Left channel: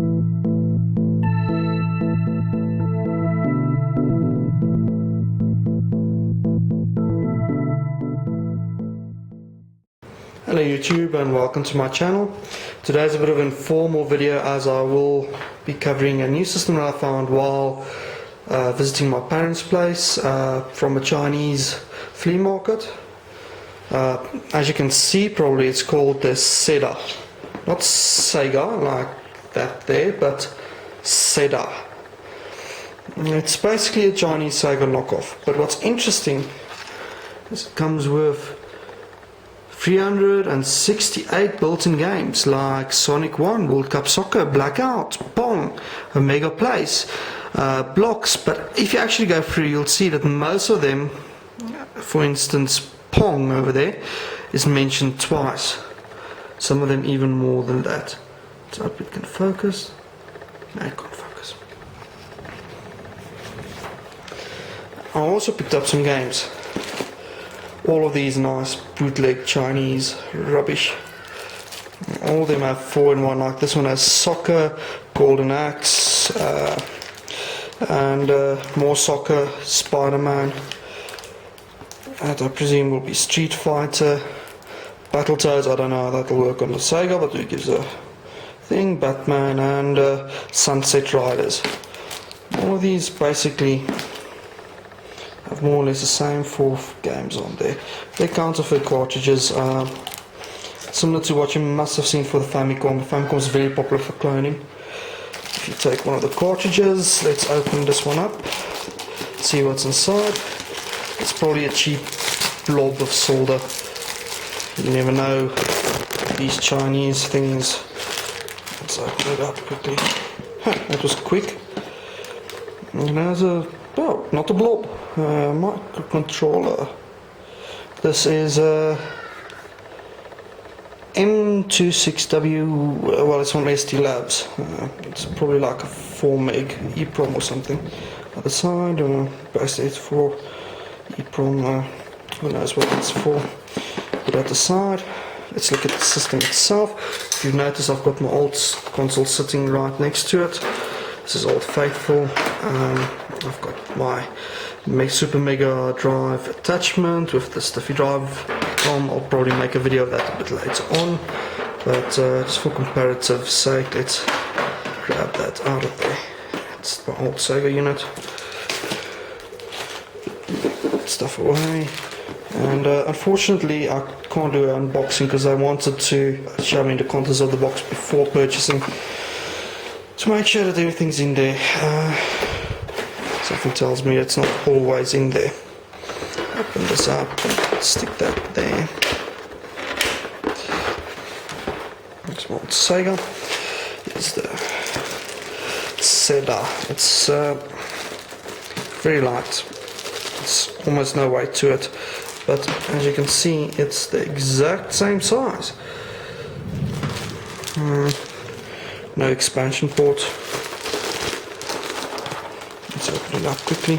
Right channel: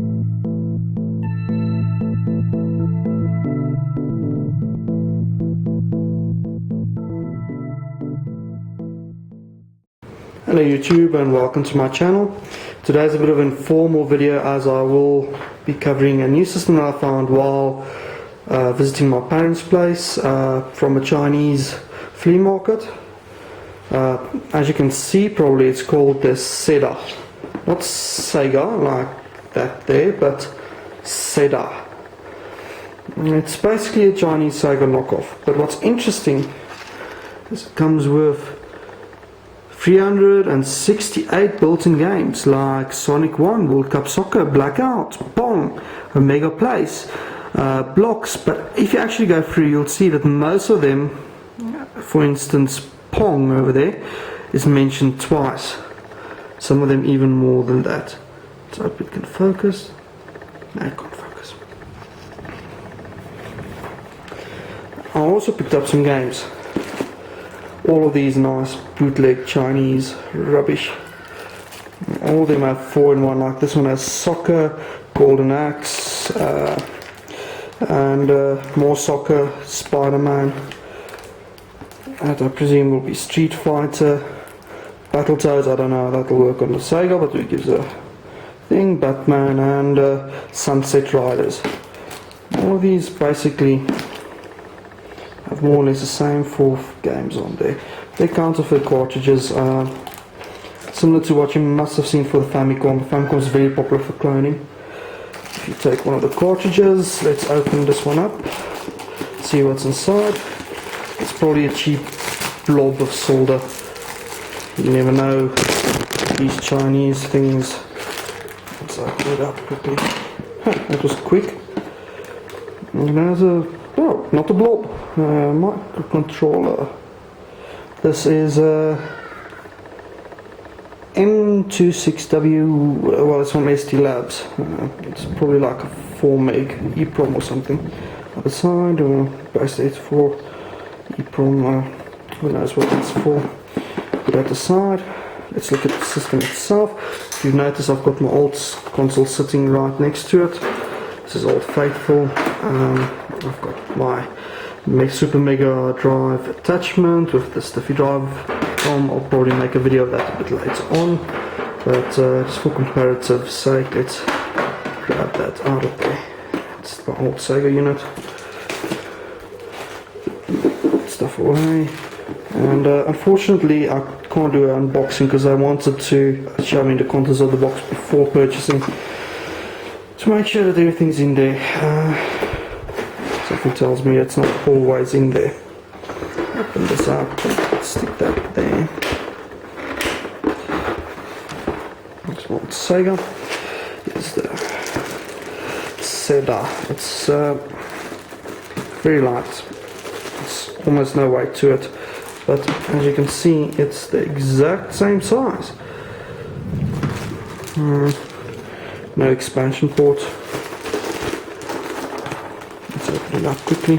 Hello YouTube and welcome to my channel. Today's a bit of an informal video as I will be covering a new system that I found while visiting my parents' place from a Chinese flea market. As you can see, probably it's called the Sedaa. Not Sega like that there, but Sedaa. It's basically a Chinese Sega knockoff, but what's interesting is it comes with 368 built-in games like Sonic 1, World Cup Soccer, Blackout, Pong, Mega Place, Blocks. But if you actually go through, you'll see that most of them, for instance Pong over there, is mentioned twice. Some of them even more than that. So I hope it can focus. No, it can't focus. I also picked up some games. All of these nice bootleg Chinese rubbish. All of them have 4-in-1, like this one has Soccer, Golden Axe, and more Soccer, Spider-Man. That I presume will be Street Fighter. Battletoads, I don't know how that'll work on the Sega, but it gives a thing. Batman and Sunset Riders. All of these basically have more or less the same 4 games on there. They're counterfeit cartridges, similar to what you must have seen for the Famicom. The Famicom is very popular for cloning. If you take one of the cartridges, let's open this one up, see what's inside. It's probably a cheap blob of solder. You never know, these Chinese things. Let's open it up quickly. That was quick. And there's a, oh, not a blob, microcontroller. This is a M26W, well, it's from ST Labs. It's probably like a 4 meg EEPROM or something. Other side, base 84 EEPROM, who knows what it's for. Put that aside. Let's look at the system itself. If you notice, I've got my old console sitting right next to it. This is Old Faithful. I've got my Super Mega Drive attachment with the stiffy drive. I'll probably make a video of that a bit later on, but just for comparative sake, let's grab that out of there. It's my old Sega unit. Put stuff away. And unfortunately I can't do an unboxing because I wanted to show me the contents of the box before purchasing, to make sure that everything's in there. Something tells me it's not always in there. Open this up, stick that there. Next one, Sega. Here's the Sedaa. It's very light. It's almost no weight to it, but as you can see, it's the exact same size. No expansion port. Let's open it up quickly.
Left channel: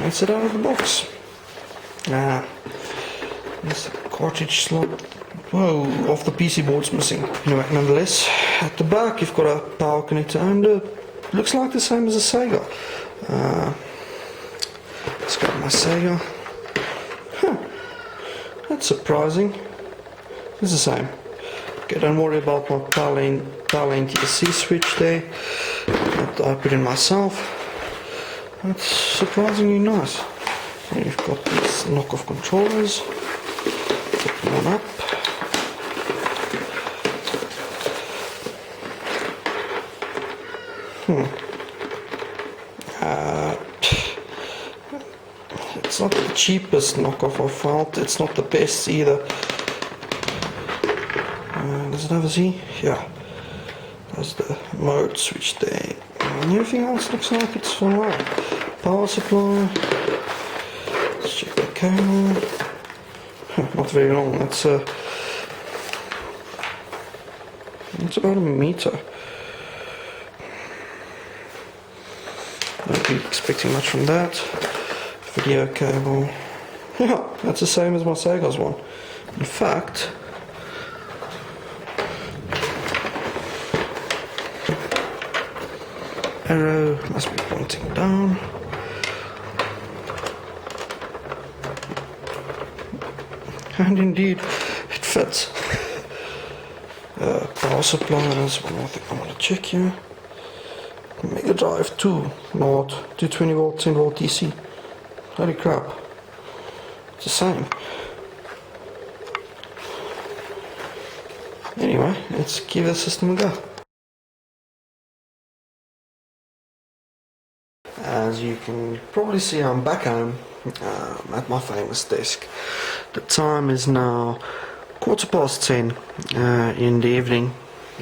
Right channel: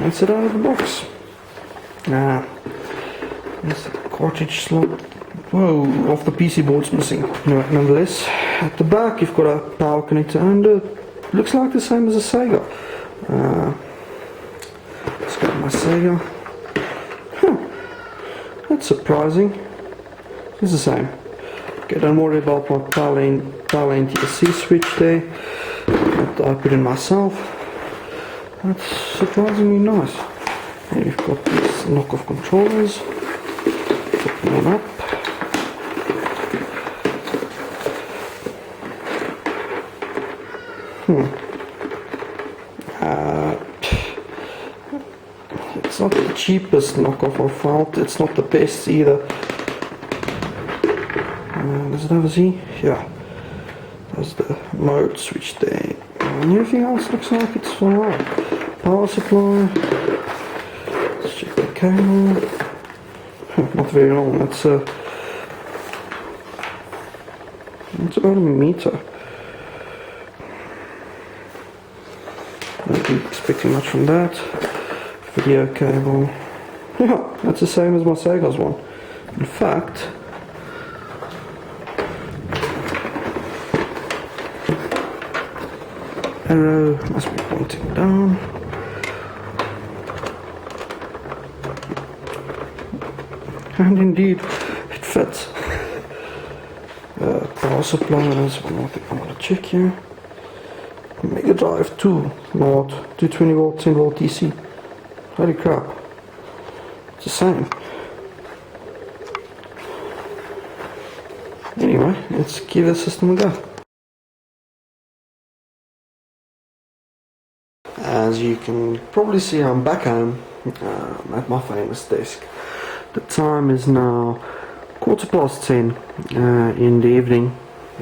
Let's get out of the box. There's the cartridge slot. Whoa, off the PC board's missing. Anyway, nonetheless, at the back you've got a power connector and looks like the same as a Sega. Let's go to my Sega. That's surprising. It's the same. Okay, don't worry about my power lane TSC switch there that I put in myself. That's surprisingly nice. And you've got these knockoff controllers. Open one up. It's not the cheapest knockoff I found. It's not the best either. Does it have a Z? Yeah. There's the mode switch there. And everything else looks like it's fine. Power supply. Let's check the cable. Not very long. It's about a meter. Don't be expecting much from that. Video cable. Yeah, that's the same as my Sega's one. In fact, arrow must be pointing down. And indeed, it fits. Power supply, there's one more thing I want to check here. Megadrive 2, not 220 volt, 10 volt DC. Holy crap. It's the same. Anyway, let's give the system a go. As you can probably see, I'm back home at my famous desk. The time is now 10:15 in the evening,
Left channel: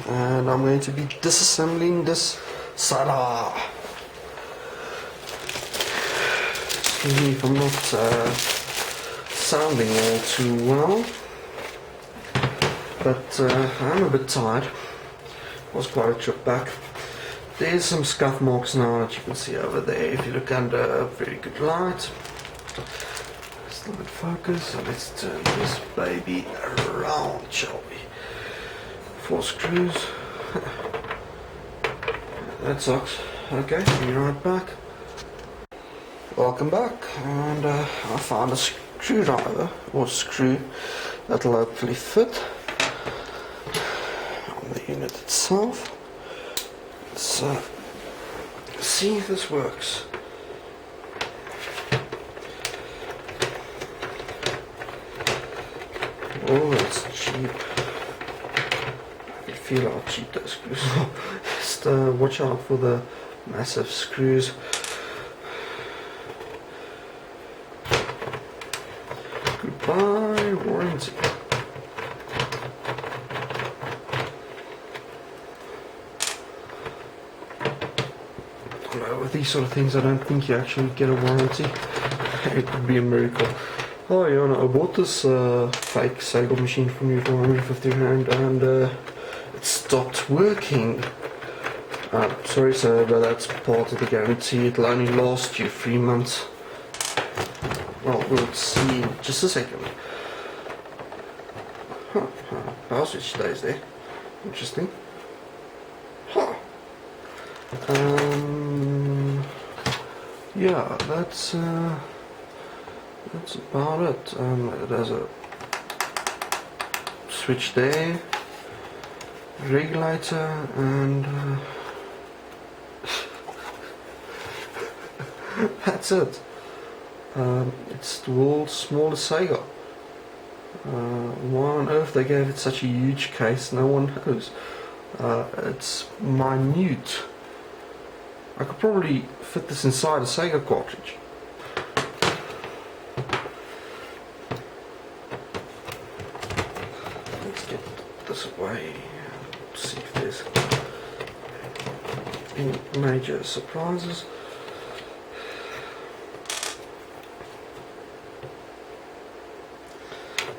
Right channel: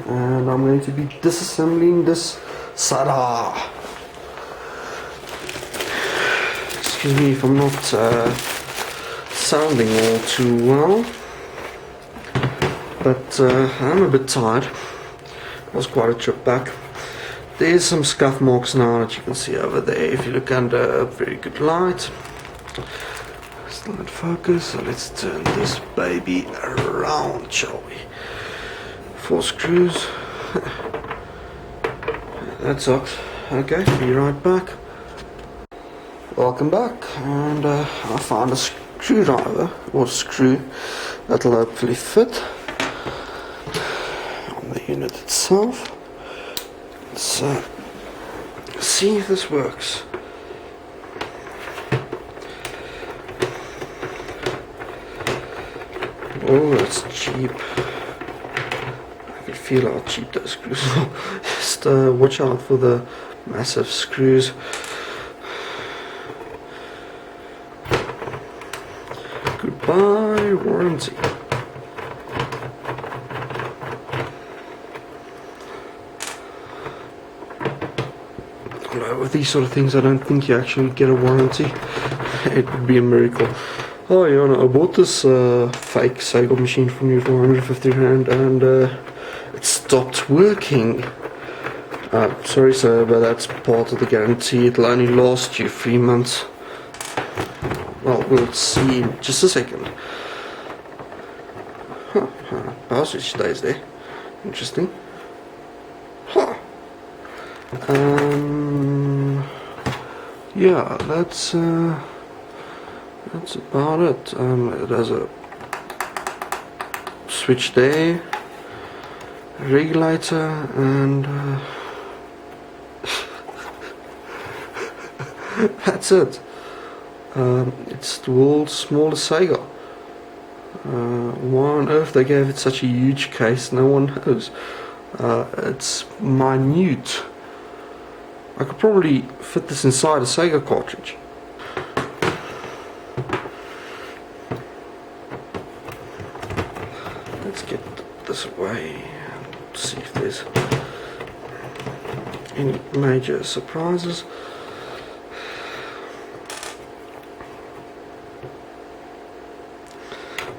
and I'm going to be disassembling this Sedaa. Excuse me if I'm not sounding all too well, but I'm a bit tired. It was quite a trip back. There's some scuff marks now that you can see over there if you look under a very good light. Still not focus, so let's turn this baby around, shall we? 4 screws. That sucks. Okay, be right back. Welcome back, and I found a screwdriver or screw that'll hopefully fit on the unit itself. Let's see if this works. Oh, that's cheap. I can feel how cheap those screws are. Just watch out for the massive screws. Goodbye, warranty. With these sort of things, I don't think you actually get a warranty. It would be a miracle. Oh yeah, no, I bought this fake Sega machine from you for 150 rand, and it stopped working. Sorry sir, but that's part of the guarantee. It'll only last you 3 months. Well, we'll see in just a second. Power switch stays there. Interesting. Huh. Yeah, that's about it. There's a switch there, regulator, and that's it. It's the world's smallest Sega. Why on earth they gave it such a huge case, no one knows. It's minute. I could probably fit this inside a Sega cartridge. Let's get this away and see if there's any major surprises.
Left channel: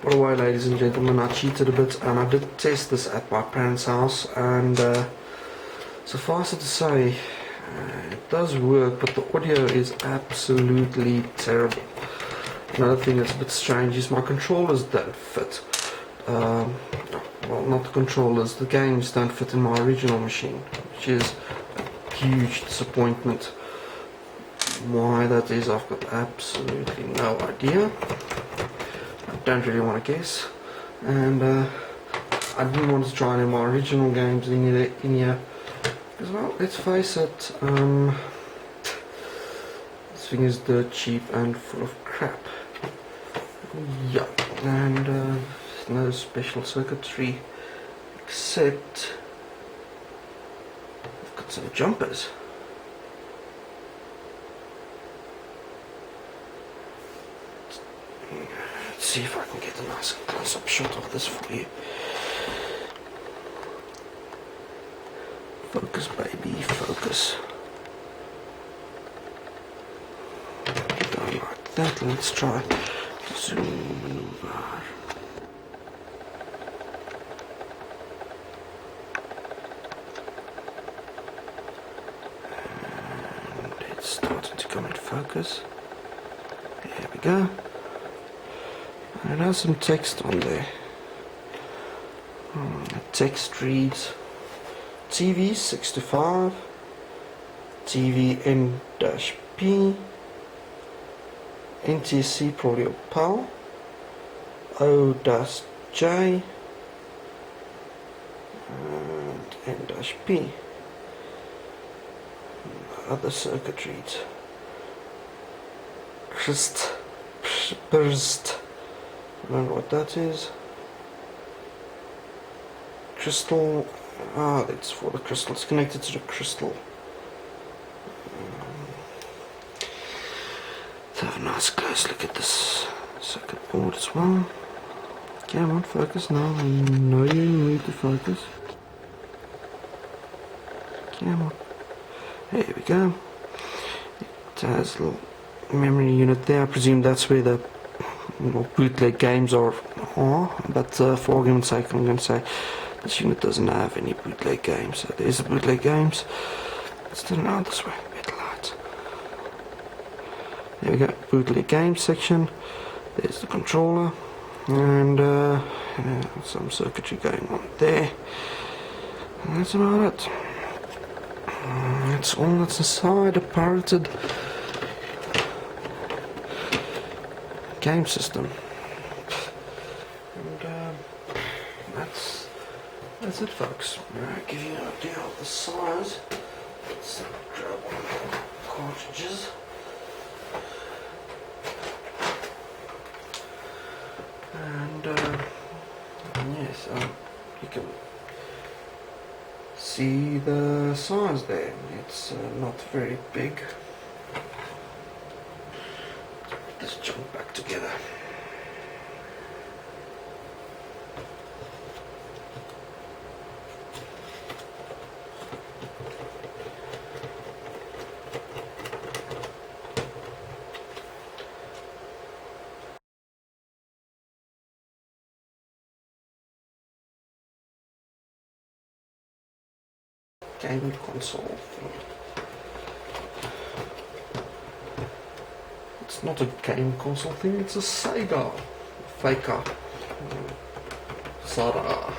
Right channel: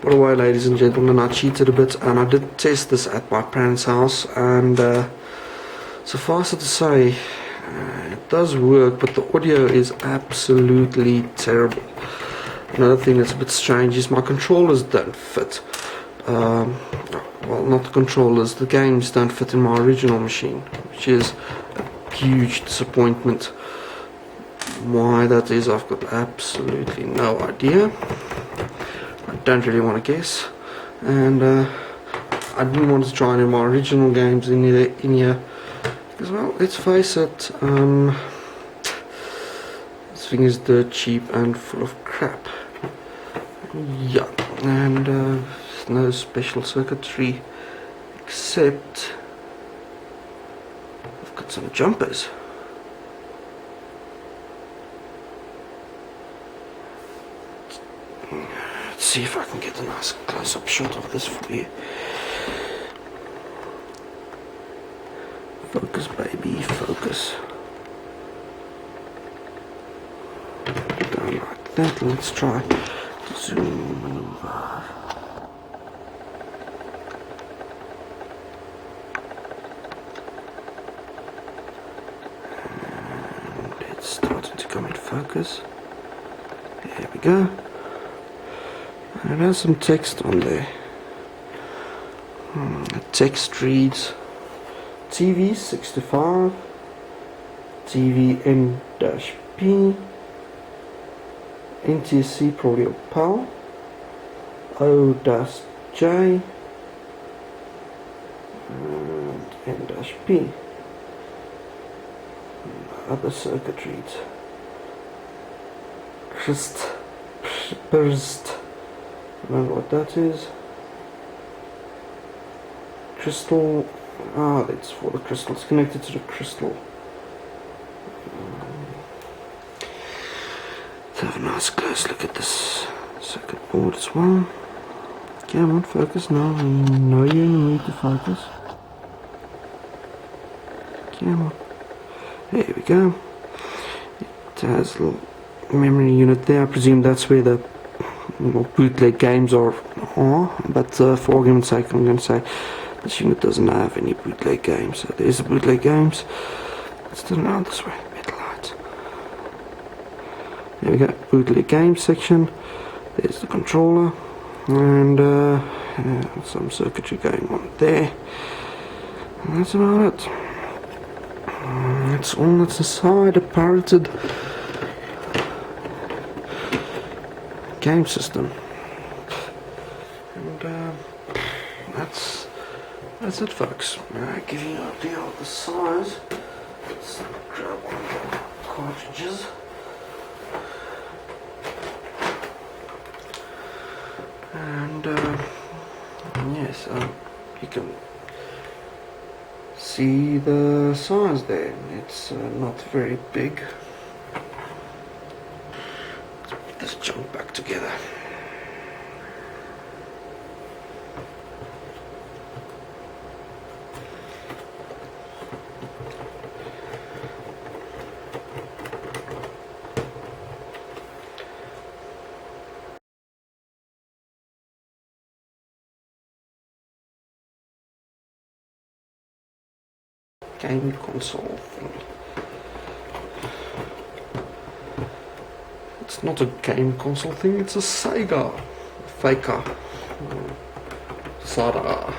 By the way, ladies and gentlemen, I cheated a bit, and I did test this at my parents' house, and suffice it to say, it does work, but the audio is absolutely terrible. Another thing that's a bit strange is my controllers don't fit. Well, not the controllers, the games don't fit in my original machine, which is a huge disappointment. Why that is, I've got absolutely no idea. I don't really want to guess, and I didn't want to try any of my original games in here. Because, well, let's face it, this thing is dirt cheap and full of crap. Yeah, and no special circuitry, except I've got some jumpers. Let's see if I can get a nice close-up shot of this for you. Focus, baby, focus. Down like that. Let's try Zoom waar. And it's starting to come in focus. There we go. And it has some text on there. The text reads TV 65 TVM-P NTSC probably a PAL O-J and N-P. Other circuit reads Crist Burst. I don't know what that is. Crystal. That's for the crystal. It's connected to the crystal. Let's have a nice close look at this circuit board as well. Come on, focus now. No, you need to focus. Come on. There we go. It has a little memory unit there. I presume that's where the bootleg games are. But for argument's sake, I'm going to say this unit doesn't have any bootleg games. So there's the bootleg games. Let's turn around this way. Better light. There we go. Bootleg games section. There's the controller. And some circuitry going on there. And that's about it. That's all that's inside a pirated game system. And that's it, folks. I'll give you an idea of the size. Let's grab one of the cartridges. And yes, you can see the size there. It's not very big. Let's put this junk back together. Game console thing. It's not a game console thing, it's a Sega faker. Sedaa.